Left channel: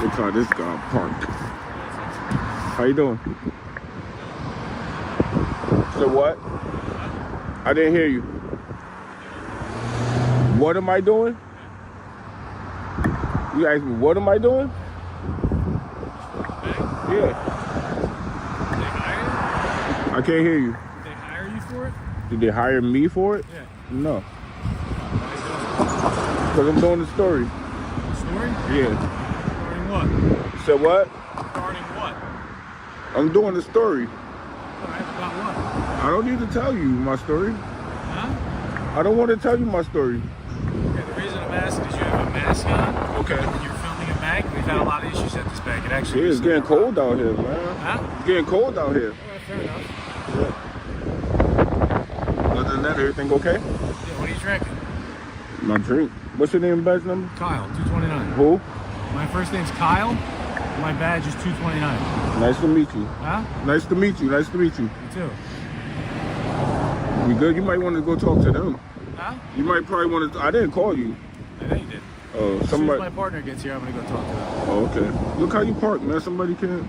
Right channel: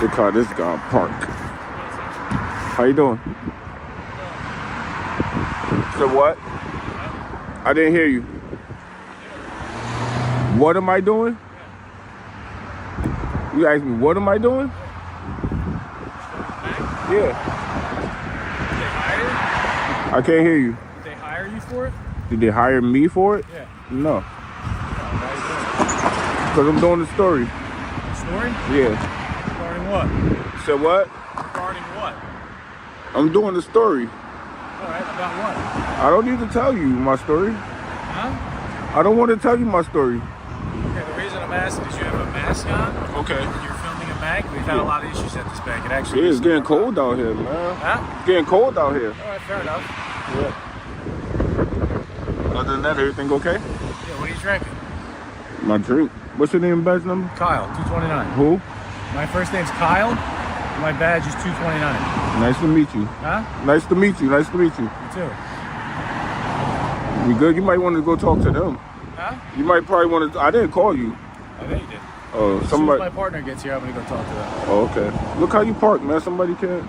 Look how this guy parked. How you doing? So what? I didn't hear you. What am I doing? You asked me, what am I doing? Yeah. Did they hire you? I can't hear you. Did they hire you for it? Did they hire me for it? Yeah. No. Why are you doing it? Because I'm doing the story. Story? Yeah. Regarding what? So what? Regarding what? I'm doing the story. Alright, about what? I don't need to tell you my story. Huh? I don't want to tell you my story. Okay, the reason I'm asking is you have a mask on. Okay. And you're filming a bank. We've had a lot of issues at this bank. It actually Yeah, it's getting cold out here, man. Huh? It's getting cold out here. Alright, fair enough. Yeah. Other than that, everything okay? Yeah, what are you drinking? My drink. What's your name and badge number? Kyle, 229. Who? My first name's Kyle. My badge is 229. Nice to meet you. Huh? Nice to meet you. Nice to meet you. You too. We good? You might want to go talk to them. Huh? You might probably want to. I didn't call you. I know you did. Oh, As soon as somebody. my partner gets here, I'm gonna go talk to them. Oh, okay. Look how you park, man. Somebody can't.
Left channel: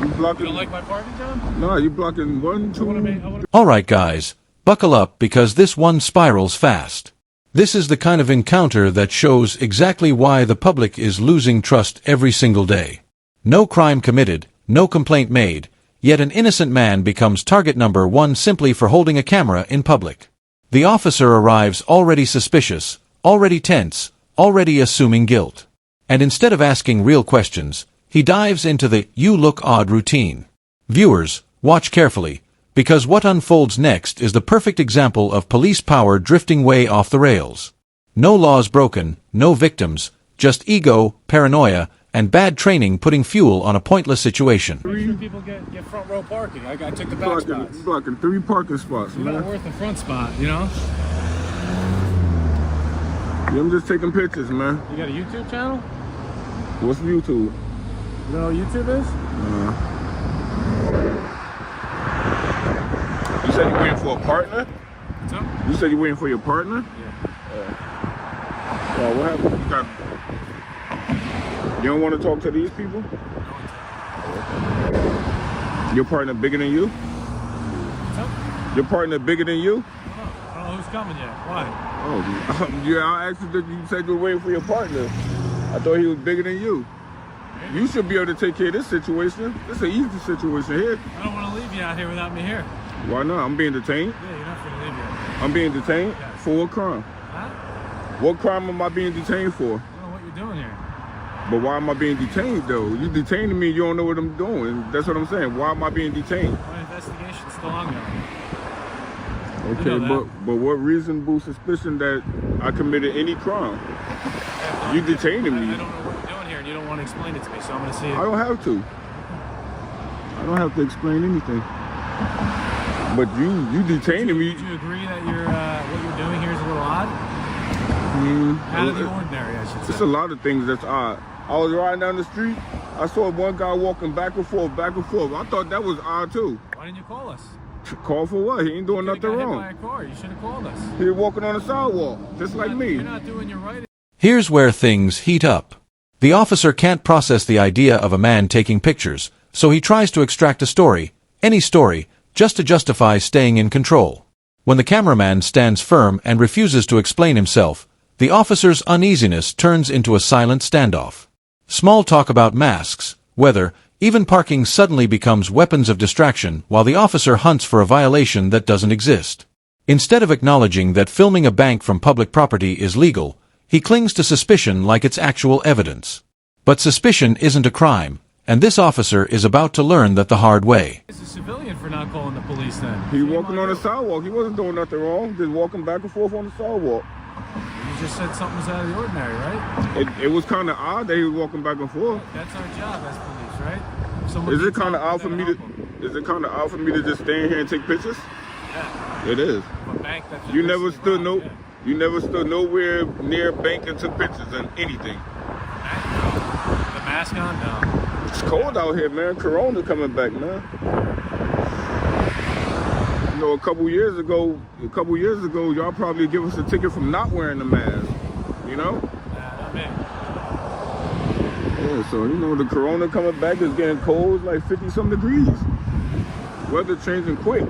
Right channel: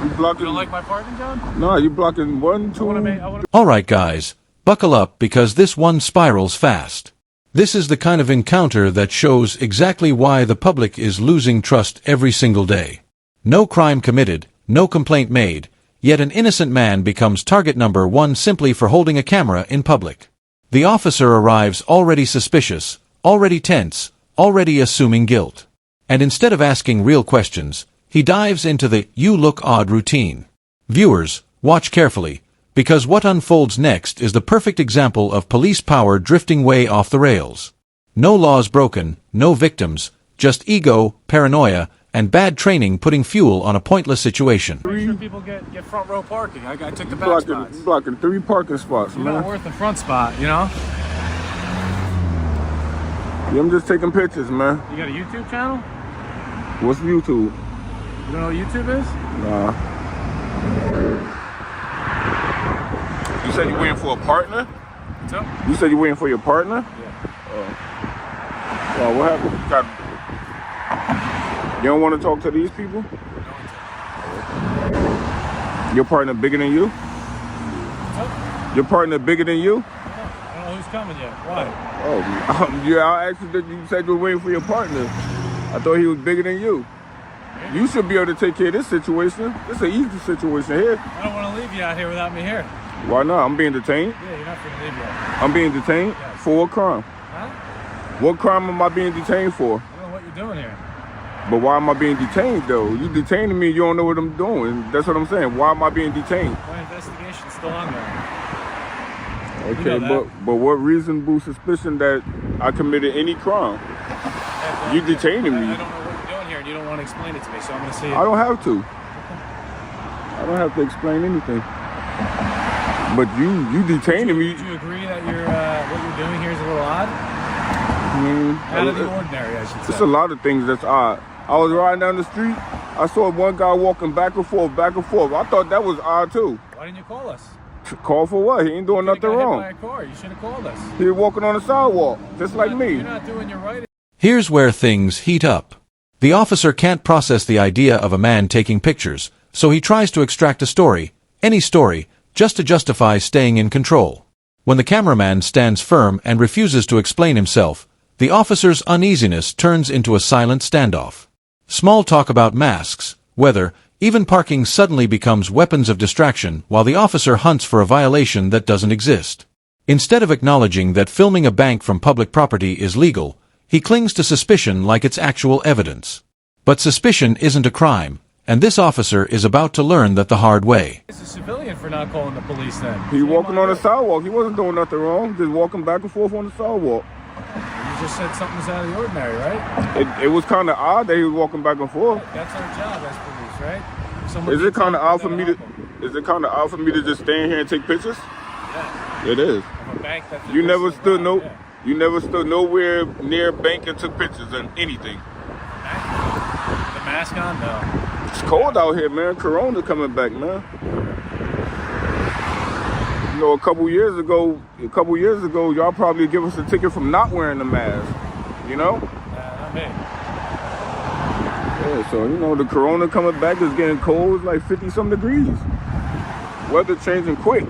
You blocking? You don't like my partner, John? No, you blocking one, two. Alright guys, buckle up because this one spirals fast. This is the kind of encounter that shows exactly why the public is losing trust every single day. No crime committed, no complaint made, yet an innocent man becomes target number one simply for holding a camera in public. The officer arrives already suspicious, already tense, already assuming guilt. And instead of asking real questions, he dives into the "you look odd" routine. Viewers, watch carefully, because what unfolds next is the perfect example of police power drifting way off the rails. No laws broken, no victims, just ego, paranoia, and bad training putting fuel on a pointless situation. Make sure people get front row parking. I took the back spots. Blocking 3 parking spots, You're man. not worth the front spot, you know? Yeah, I'm just taking pictures, man. You got a YouTube channel? What's YouTube? You know what YouTube is? Nah. You said you're waiting for a partner? What's up? You said you're waiting for your partner? Yeah. Oh, what happened? You don't want to talk to these people? No one. Your partner bigger than you? What's up? Your partner bigger than you? I don't know who's coming yet. Why? Oh, yeah, I asked you that you said you were waiting for your partner. I thought he was bigger than you. You should be able to take care of this situation. It's an easy situation here. I don't want to leave you out here without me here. Why not? I'm being detained. Yeah, you're not going to leave you out here. I'm being detained Yes. for what crime? Huh? What crime am I being detained for? I don't know what you're doing here. But why am I being detained though? You detaining me, you don't know what I'm doing. That's what I'm saying. Why am I being detained? My investigation's still on there. Okay, You know but what reasonable suspicion that I committed any crime? You detaining me. I don't know what you're doing here, and you don't want to explain it to me, so I'm going to see. I don't have to. I don't have to explain anything. But you detaining me. Would you agree that what you're doing here is a little odd? I mean, Out of the ordinary, I should say. it's a lot of things that's odd. I was riding down the street. I saw one guy walking back and forth, back and forth. I thought that was odd too. Why didn't you call us? Call for what? He ain't doing nothing Hit by wrong. a car. You should have called us. He was walking on the sidewalk, just like me. You're not doing your right. Here's where things heat up. The officer can't process the idea of a man taking pictures, so he tries to extract a story, any story, just to justify staying in control. When the cameraman stands firm and refuses to explain himself, the officer's uneasiness turns into a silent standoff. Small talk about masks, weather, even parking suddenly becomes weapons of distraction while the officer hunts for a violation that doesn't exist. Instead of acknowledging that filming a bank from public property is legal, he clings to suspicion like it's actual evidence. But suspicion isn't a crime, and this officer is about to learn that the hard way. It's a civilian for not calling the police then. He walking on the sidewalk. He wasn't doing nothing wrong. Just walking back and forth on the sidewalk. You just said something was out of the ordinary, right? It was kind of odd that he was walking back and forth. That's our job as police, right? Is it kind of odd for me to? Is it kind of odd for me to just stand here and take pictures? Yeah. It is. Of a bank that You never stood robbed, no. You never stood nowhere near a bank and took pictures and anything. With a mask on? No. It's cold out here, man. Corona coming back, man. You know, a couple years ago, y'all probably give us a ticket from not wearing the mask. You know? Not me. Yeah, so you know the corona coming back is getting cold. It's like 50-some degrees. Weather changing quick.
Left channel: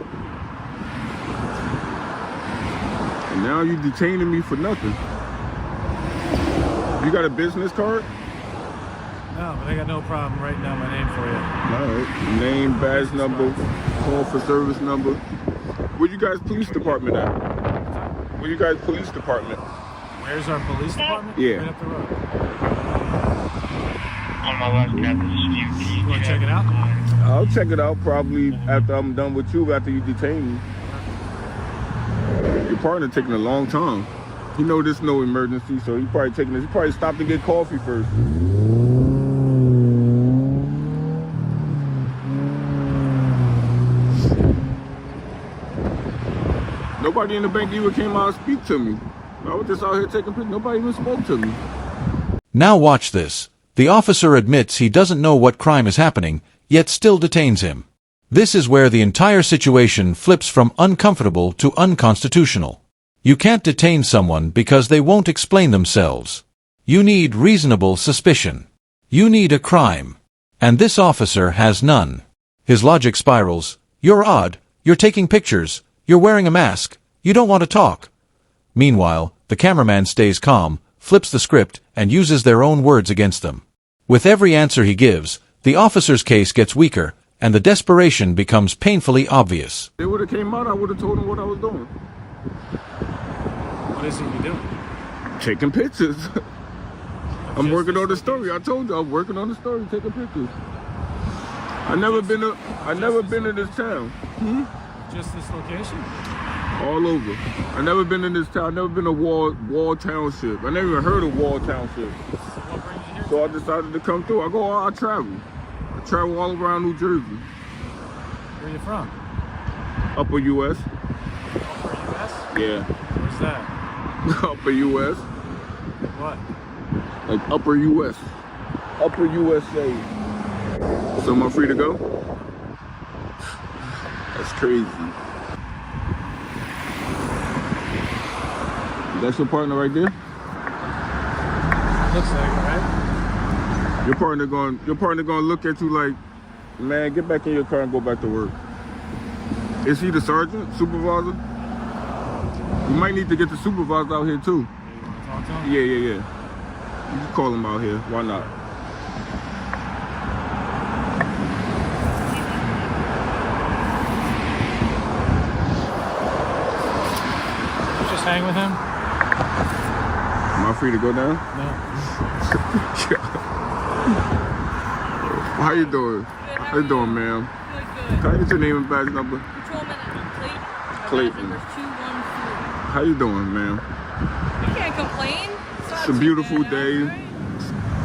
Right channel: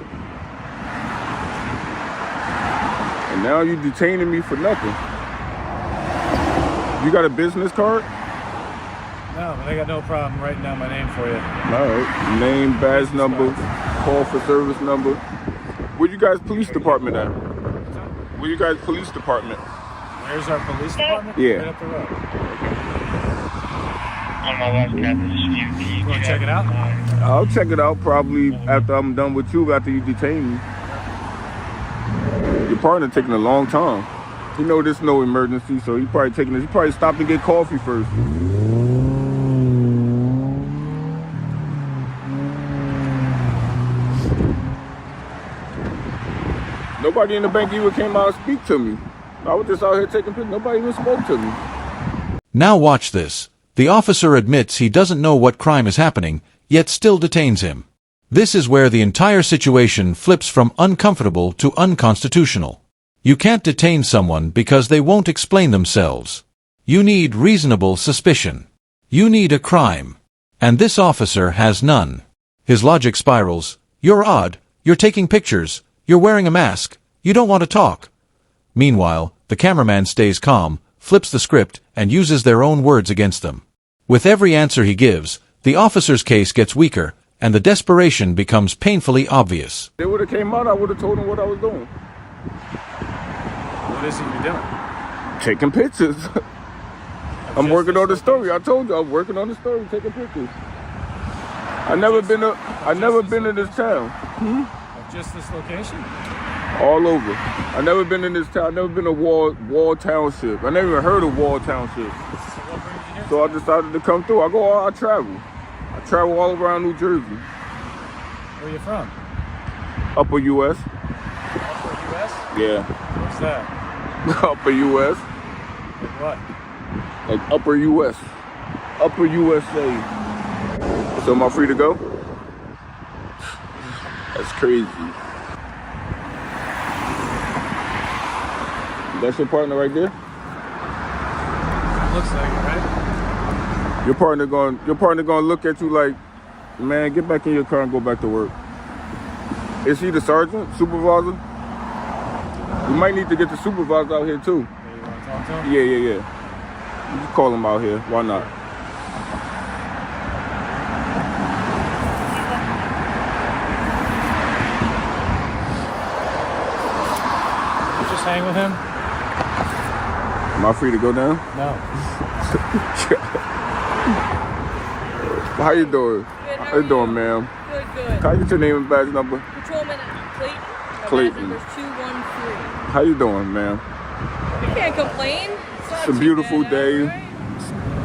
And now you detaining me for nothing. You got a business card? No, but I got no problem writing down my name for you. All right. Name, badge number, call for service number. Where you guys police department at? Where you guys police department? Where's our police department? Yeah. Right up the road. On my left, Captain. You want to check it out? I'll check it out probably after I'm done with you, after you detain me. Your partner taking a long time. You know there's no emergency, so he probably stopped to get coffee first. Nobody in the bank even came out and speak to me. I was just out here taking pictures. Nobody even spoke to me. Now watch this. The officer admits he doesn't know what crime is happening, yet still detains him. This is where the entire situation flips from uncomfortable to unconstitutional. You can't detain someone because they won't explain themselves. You need reasonable suspicion. You need a crime. And this officer has none. His logic spirals. You're odd. You're taking pictures. You're wearing a mask. You don't want to talk. Meanwhile, the cameraman stays calm, flips the script, and uses their own words against them. With every answer he gives, the officer's case gets weaker, and the desperation becomes painfully obvious. They would have came out, I would have told them what I was doing. What is it you're doing? Taking pictures. I'm working on the story. I told you I'm working on the story, taking pictures. I never been to this town. Of just this location? All over. I never been in this town. I never been to Wall Township. I never even heard of Wall Township. So what brings you here? So I decided to come through. I travel. I travel all around New Jersey. Where are you from? Upper U.S. Upper U.S.? Yeah. What's that? Upper U.S. Like what? Like Upper U.S. Upper USA. So am I free to go? That's crazy. That's your partner right there? Looks like it. Your partner gonna look at you like, man, get back in your car and go back to work. Is he the sergeant, supervisor? We might need to get the supervisor out here too. You want to talk to him? Yeah. You can call him out here. Why not? You just hang with him? Am I free to go down? No. How you doing? How you doing, ma'am? Good, good. Can I get your name and badge number? Patrolman Clayton. My Clayton. badge number is 213. How you doing, ma'am? You can't complain. It's a beautiful day. Right?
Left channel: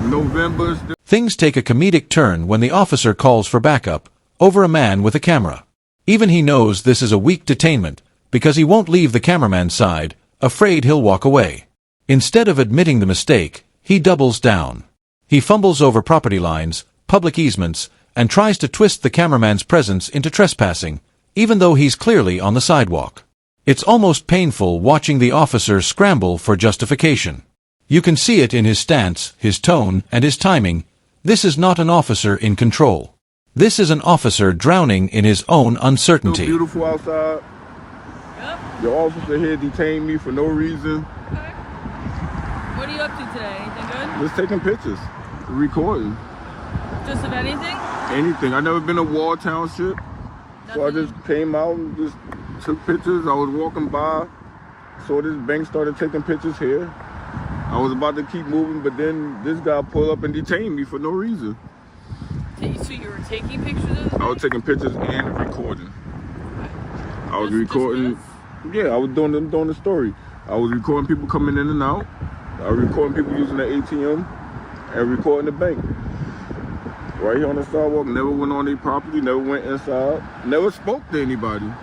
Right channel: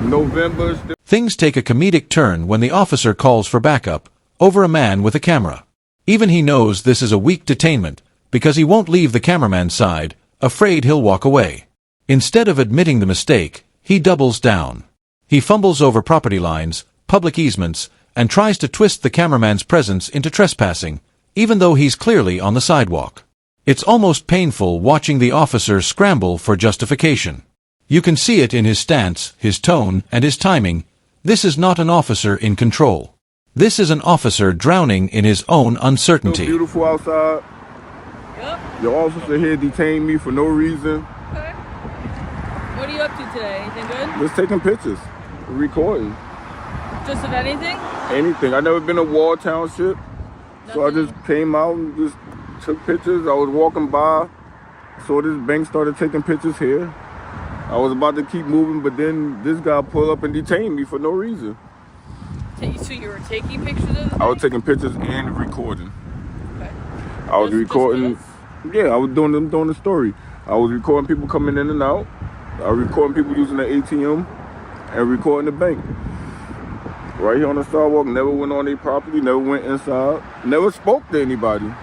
November. Things take a comedic turn when the officer calls for backup over a man with a camera. Even he knows this is a weak detainment because he won't leave the cameraman's side, afraid he'll walk away. Instead of admitting the mistake, he doubles down. He fumbles over property lines, public easements, and tries to twist the cameraman's presence into trespassing, even though he's clearly on the sidewalk. It's almost painful watching the officer scramble for justification. You can see it in his stance, his tone, and his timing. This is not an officer in control. This is an officer drowning in his own uncertainty. So beautiful outside. Yep. Your officer here detained me for no reason. Okay. What are you up to today? Anything good? Just taking pictures, recording, Just of anything? anything. I never been to Wall Township, so I Nothing? just came out and just took pictures. I was walking by, saw this bank started taking pictures here. I was about to keep moving, but then this guy pulled up and detained me for no reason. So you were taking pictures of it? I was taking pictures and recording. Okay. I was Just recording. this? Yeah, I was doing the story. I was recording people coming in and out. I was recording people using the ATM and recording the bank. Right here on the sidewalk. Never went on their property. Never went inside. Never spoke to anybody.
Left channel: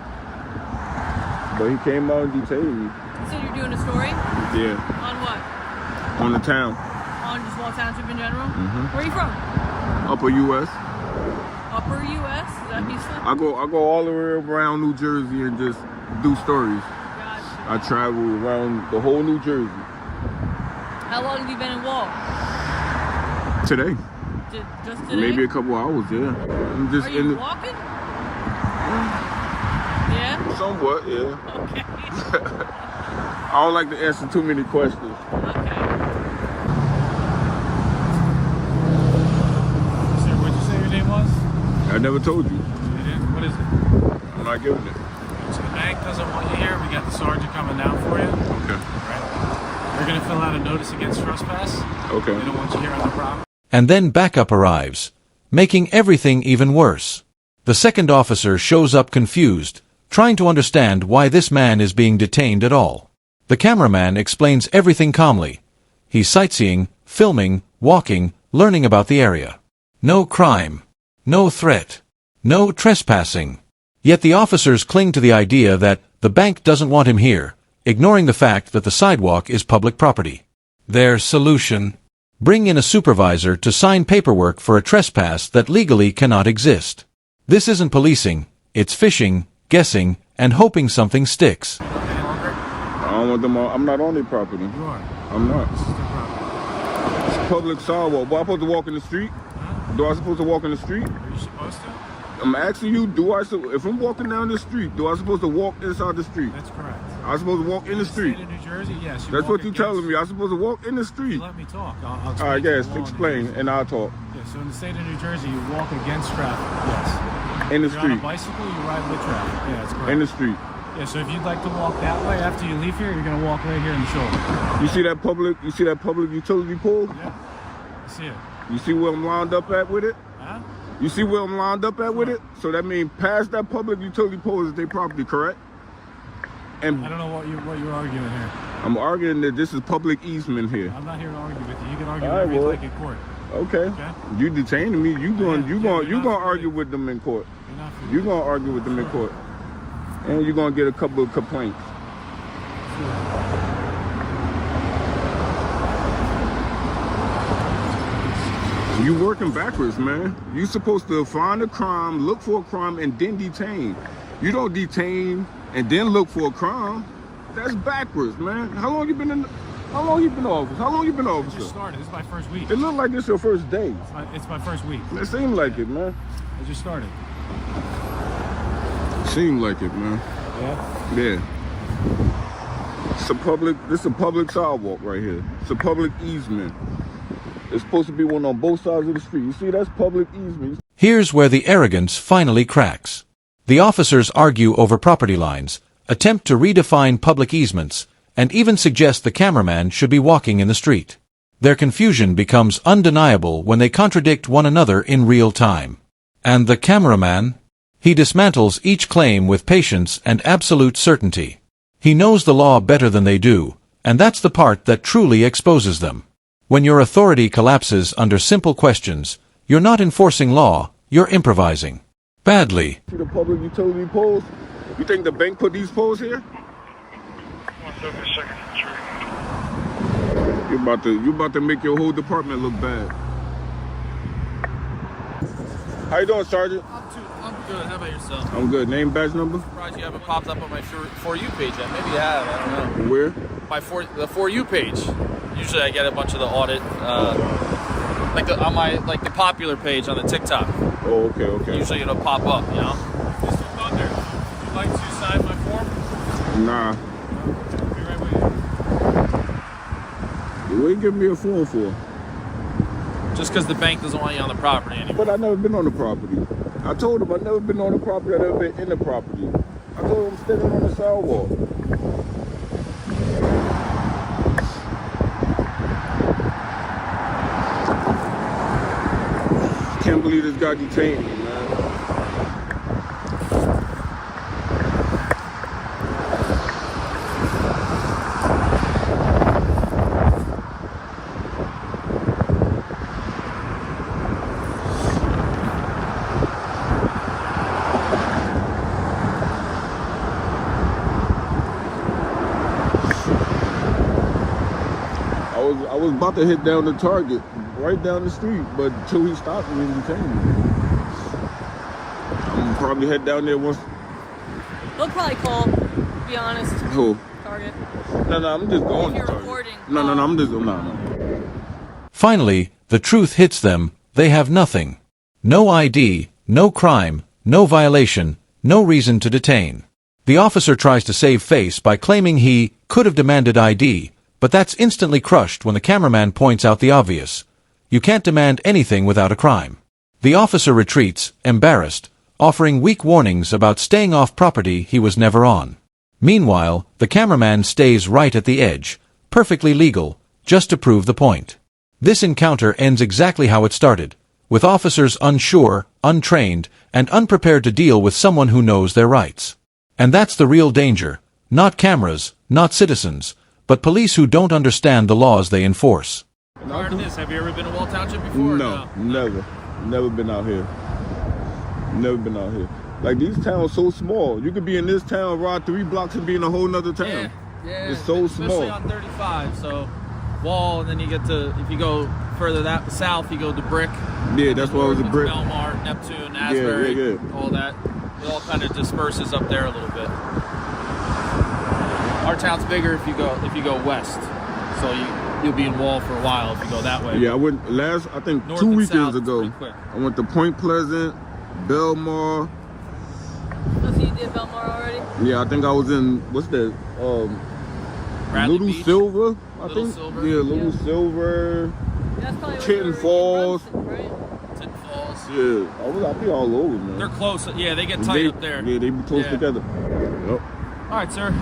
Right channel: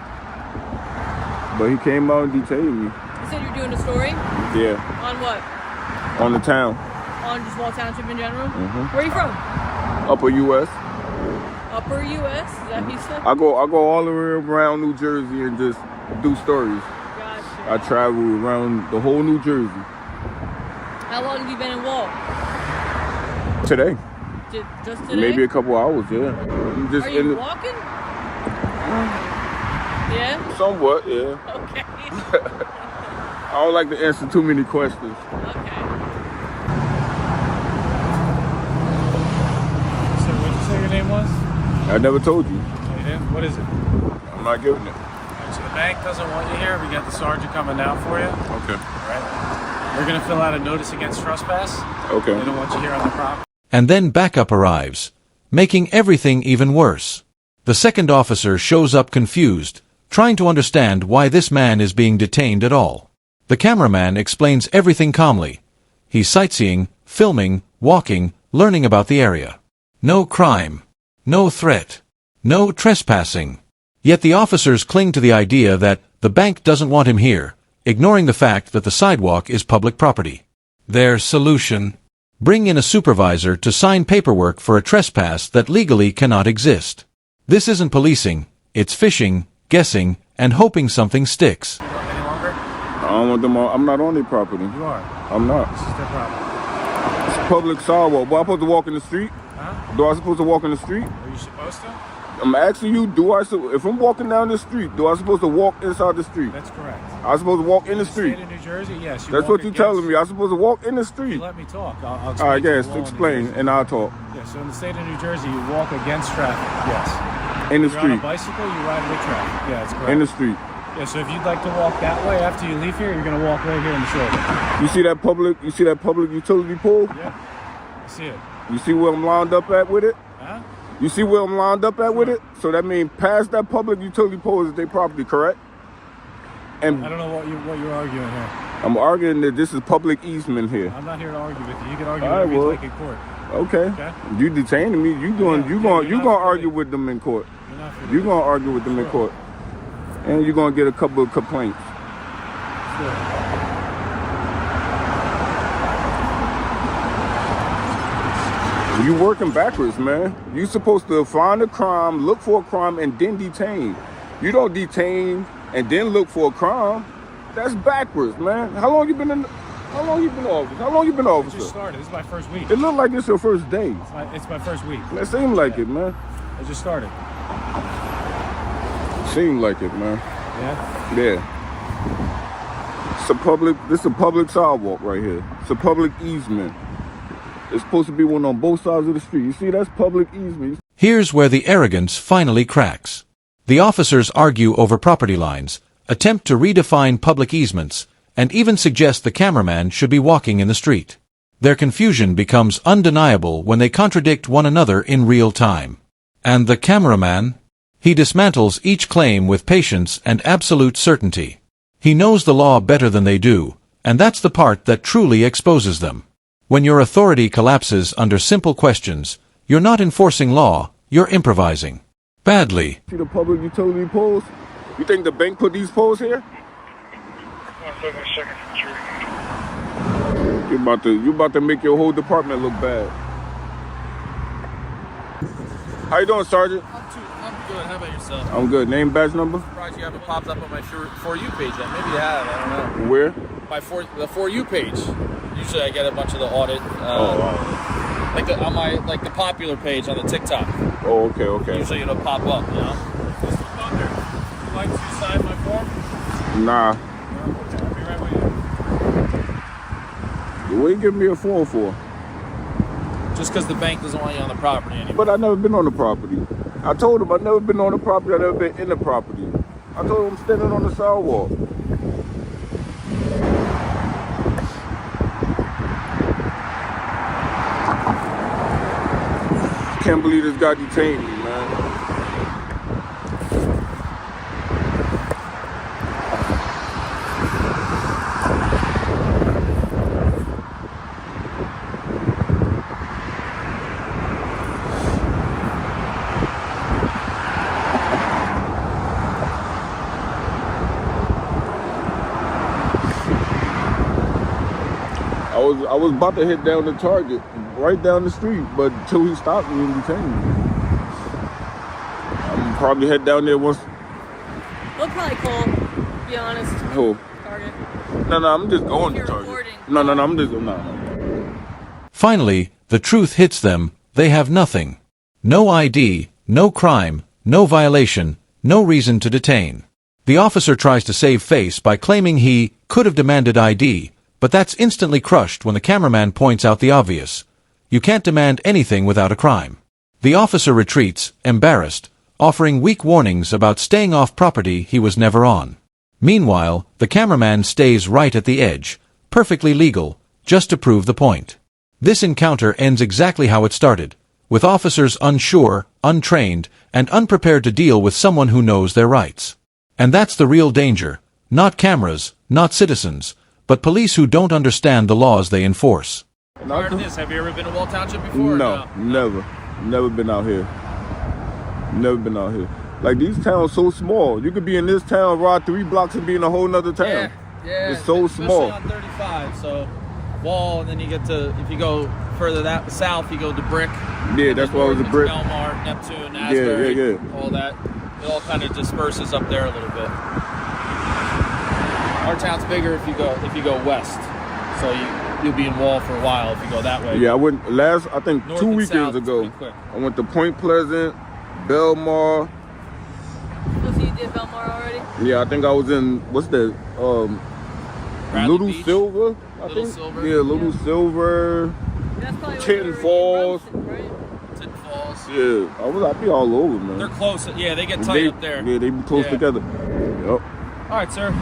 But he came out and detained me. So you're doing a story? Yeah, On what? on the town. On just Wall Township in general? Mhm. Where are you from? Upper U.S. Upper U.S.? Is that Houston? I go all the way around New Jersey and just do stories. Gotcha. I travel around the whole New Jersey. How long have you been in Wall? Today. Just today? Maybe a couple hours, yeah. I'm just Are you walking? Yeah? Somewhat, yeah. Okay. I don't like to answer too many questions. So what'd you say your name was? I never told you. Oh, you didn't? What is it? I'm not giving it. All right, so the bank doesn't want you here. We got the sergeant coming down for you. Okay. All right. They're going to fill out a notice against trespass. Okay. They don't want you here on the property. And then backup arrives, making everything even worse. The second officer shows up confused, trying to understand why this man is being detained at all. The cameraman explains everything calmly. He's sightseeing, filming, walking, learning about the area. No crime. No threat. No trespassing. Yet the officers cling to the idea that the bank doesn't want him here, ignoring the fact that the sidewalk is public property. Their solution: bring in a supervisor to sign paperwork for a trespass that legally cannot exist. This isn't policing, it's fishing, guessing, and hoping something sticks. You know any longer? I don't want them on. I'm not on their property. You are. I'm not. This is their property. It's public sidewalk. Am I supposed to walk in the street? Huh? Do I supposed to walk in the street? Are you supposed to? I'm asking you, if I'm walking down the street, do I supposed to walk inside the street? That's correct. I'm supposed to walk in the street. State of New Jersey, yes. That's what you're telling me. I'm supposed to walk in the street. Let me talk. I'll All explain. right, the yes, law in New explain, Jersey. and I'll talk. Yeah, so in the state of New Jersey, you walk against traffic. Yes. In the You're on a street. bicycle, you ride with traffic. Yeah, that's correct. In the street. Yeah, so if you'd like to walk that way after you leave here, you're going to walk right here in the shoulder. You see that public? You see that public utility pole? Yeah, I see it. You see where I'm lined up at with it? Huh? You see where I'm lined up at with it? So that means past that public utility pole is their property, correct? And I don't know what you're arguing here. I'm arguing that this is public easement here. I'm not here to argue with you. You can argue All right, whatever you well. like in court. Okay. Okay. You detaining me? You going? Yeah, You yeah, going? you're You not going to argue really- with them in court? You're not here to You going to argue with them in Sure. court? And you're going to get a couple of complaints. Sure. You working backwards, man. You supposed to find a crime, look for a crime, and then detain. You don't detain and then look for a crime. That's backwards, man. How long you been in? How long you been officer? How long you been I officer? just started. This is my first week. It look like it's your first day. It's my first week. That seemed like Yeah. it, man. I just started. Seemed like it, man. Yeah. Yeah. It's a public. This is a public sidewalk right here. It's a public easement. It's supposed to be one on both sides of the street. You see, that's public easement. Here's where the arrogance finally cracks. The officers argue over property lines, attempt to redefine public easements, and even suggest the cameraman should be walking in the street. Their confusion becomes undeniable when they contradict one another in real time. And the cameraman? He dismantles each claim with patience and absolute certainty. He knows the law better than they do, and that's the part that truly exposes them. When your authority collapses under simple questions, you're not enforcing law, you're improvising. Badly. See the public utility poles? You think the bank put these poles here? 172nd Street. You about to make your whole department look bad. How you doing, Sergeant? I'm good. How about yourself? I'm good. Name, badge number? Surprised you haven't popped up on my For You page yet. Maybe you have. I don't know. Where? The For You page. Usually I get a bunch of the audit, like the popular page on the TikTok. Oh, okay. Usually it'll pop up, you know. Mr. Thunder, would you like to sign my form? Nah. No? Okay, I'll be right with you. What you giving me a phone for? Just because the bank doesn't want you on the property anymore. But I never been on the property. I told him I never been on the property. I never been in the property. I told him I'm standing on the sidewalk. Can't believe this guy detained me, man. I was about to hit down the target, right down the street, but until he stopped me and detained me. I'm probably head down there once. They'll probably call, to be honest. Who? Target. No, I'm just going to You're target. recording. No, I'm just, no. Finally, the truth hits them They have nothing. No ID, no crime, no violation, no reason to detain. The officer tries to save face by claiming he could have demanded ID, but that's instantly crushed when the cameraman points out the obvious. You can't demand anything without a crime. The officer retreats, embarrassed, offering weak warnings about staying off property he was never on. Meanwhile, the cameraman stays right at the edge, perfectly legal, just to prove the point. This encounter ends exactly how it started, with officers unsure, untrained, and unprepared to deal with someone who knows their rights. And that's the real danger, not cameras, not citizens, but police who don't understand the laws they enforce. Prior to this, have you ever been to Wall Township before? No, never. Never been out here. Never been out here. Like, these towns so small. You could be in this town, ride 3 blocks and be in a whole nother town. Yeah. It's so small. Especially on 35, so Wall, and then you get to, if you go further that south, you go to Brick. Yeah, that's why it was a Brick. Belmar, Neptune, Asbury, all that. It all kind of disperses up there a little bit. Our town's bigger if you go west, so you'll be in Wall for a while if you go that way. Yeah, I went I think North 2 and weekends south, ago. quick. I went to Point Pleasant, Belmar. Oh, so you did Belmar already? Yeah, I think I was in, what's that? Bradley Little Beach? Silver, I Little think. Silver? Yeah, Little Silver. That's probably Chin where Falls. you right? Tin Falls. Yeah, I be all over, man. They're close. Yeah, they get tight up there. Yeah, they be close Yeah. together. Yep. All right, sir.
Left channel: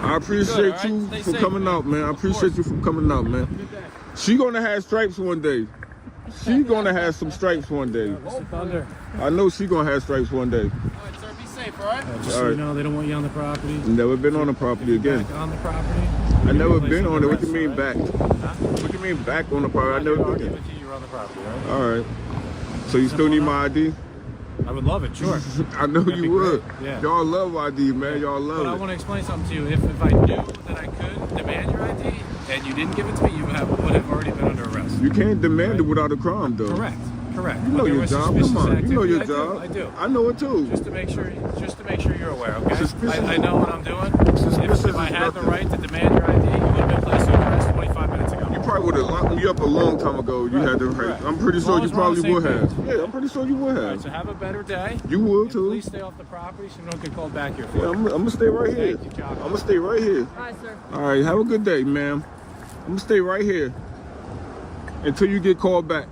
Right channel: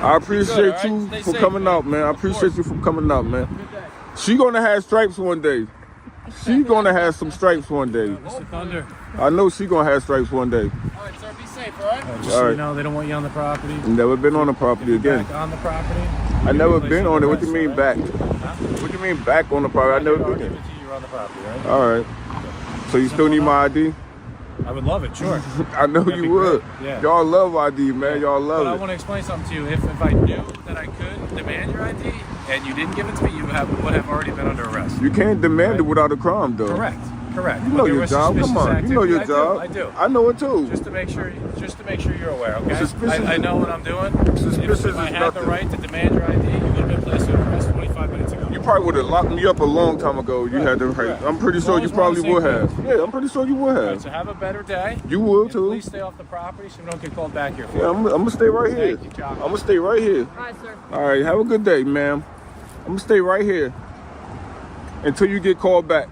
I appreciate Good, all right? you Stay for safe, coming man. out, man. I Of appreciate course. you for coming out, man. Good day. She gonna have stripes one day. She gonna have some stripes one day. Thunder. I know she gonna have stripes one day. All right, sir. Be safe, all right? Just All so right. you know, they don't want you on the property. Never been on the property If you're again. back on the property. I never place been of on it. What you arrest, mean all back? right? What you mean back on the property? I never I'll been give there. it to you. You're on the property, right? All right. So you still need my ID? I would love it, sure. I know That'd be you would. great, yeah. Y'all love ID, man. Y'all But I love want it. to explain something to you. If I knew that I could demand your ID and you didn't give it to me, you would have already been under arrest. You can't demand it without a crime, though. Correct. You know But there your was job. suspicious Come on. You know activity. your job. I do. I know it too. Just to make sure you're aware, okay? Suspicious- I know what I'm doing. Suspicious If I is had the nothing. right to demand your ID, I would have placed you in arrest 25 minutes ago. You probably would have locked me up a long time ago. You had the right. Correct. I'm pretty As sure long you as we're on the probably would same have. page. Yeah, I'm pretty sure you would All right, have. so have a better day. You would And too. please stay off the property so we don't get called back here for Yeah, it. I'm gonna stay right here. Thank you, Chopper. I'm gonna stay right here. All right, sir. All right, have a good day, ma'am. I'm gonna stay right here until you get called back.